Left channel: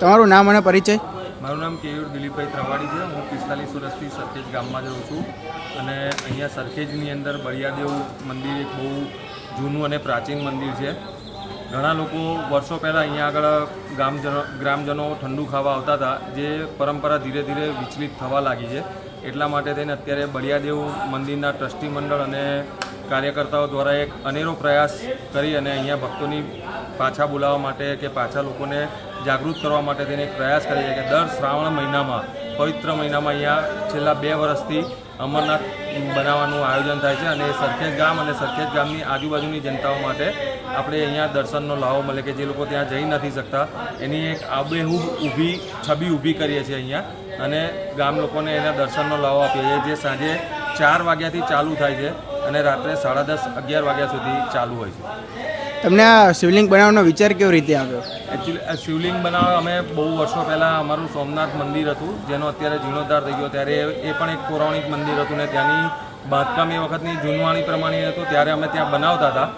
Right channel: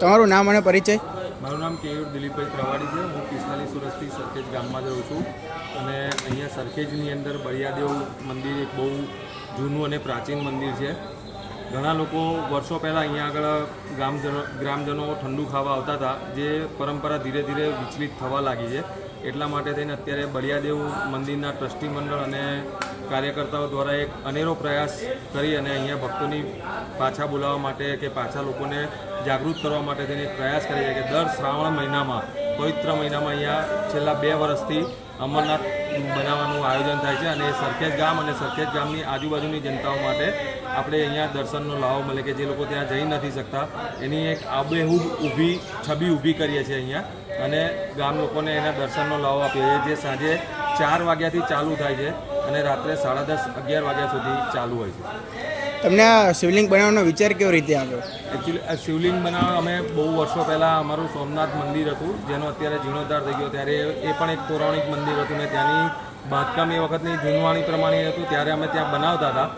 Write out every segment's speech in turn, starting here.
તમારું નામ અને પરિચય? મારું નામ કેયુર દિલીપભાઈ ત્રવાડી છે. હું 45 વર્ષથી સરખેજ ગામમાં જ રહું છું અને અહીંયા સરખેજની અંદર બળિયાદેવ મંદિર એક બહુ જૂનું અને પ્રાચીન મંદિર છે. ઘણા લોકો વર્ષો પહેલાં અહીંયા આગળ ગ્રામજનો ઠંડુ ખાવા આવતા હતા, જે પરંપરા ધીરે ધીરે વિચલિત થવા લાગી છે. એટલા માટે થઈને અત્યારે બળિયાદેવ મંદિરના ટ્રસ્ટી મંડળ અને કાર્યકર્તાઓ દ્વારા એક અનેરો પ્રયાસ કરી અને અહીંયા ભક્તોની પાછા બોલાવવા માટે કે પાછા લોકોને જાગૃત કરવા માટે તેને એક પ્રયાસ કરે છે કે દર શ્રાવણ મહિનામાં, પવિત્ર મહિનામાં અહીંયા છેલ્લા 2 વર્ષથી અમરનાથ બનાવવાનું આયોજન થાય છે અને સરખેજ ગામ અને સરખેજ ગામની આજુબાજુની જનતાઓ માટે આપણે અહીંયા દર્શનનો લાવો મળે કે જે લોકો ત્યાં જઈ નથી શકતા એની એક આબેહૂબ છબી ઊભી કરીએ છીએ અહીંયા અને ગામ લોકોને એના દર્શનનો લાવો આપીએ છીએ, જે સાંજે 4 વાગ્યાથી ચાલુ થાય છે અને રાત્રે 10:30, 11 વાગ્યા સુધી ચાલુ હોય છે. તમને આ શિવલિંગ બનાવવાનો વિચાર કેવી રીતે આવ્યો? એકચ્યુઅલી આ શિવલિંગ બનાવવા અમે બહુ વર્ષો પહેલાં અમારું સોમનાથ મંદિર હતું, જેનો અત્યારે જીર્ણોદ્ધાર થઈ ગયો, ત્યારે એ પણ એક પૌરાણિક મંદિર હતું ને ત્યાંની બાંધકામ એ વખતની જૂનવાણી પ્રમાણે હતું, ત્યારે અમે ત્યાં બનાવતા હતા.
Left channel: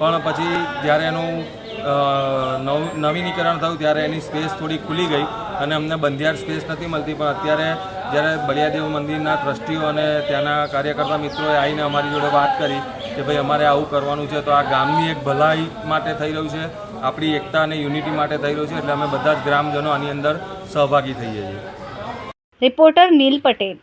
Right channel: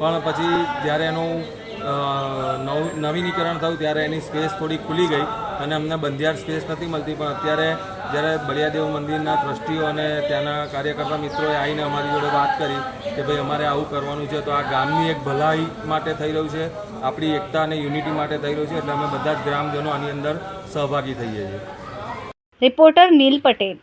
પણ પછી જ્યારે એનું નવીનીકરણ થયું ત્યારે એની સ્પેસ થોડી ખુલી ગઈ અને અમને બંધિયાર સ્પેસ નથી મળતી. પણ અત્યારે જ્યારે બળિયાદેવ મંદિરના ટ્રસ્ટીઓ અને ત્યાંના કાર્યકર્તા મિત્રોએ આવીને અમારી જોડે વાત કરી કે ભાઈ અમારે આવું કરવાનું છે, તો આ ગામની એક ભલાઈ માટે થઈ રહ્યું છે, આપણી એકતા અને યુનિટી માટે થઈ રહ્યું છે, એટલે અમે બધા જ ગ્રામજનો આની અંદર સહભાગી થઈએ છીએ. રિપોર્ટર નીલ પટેલ.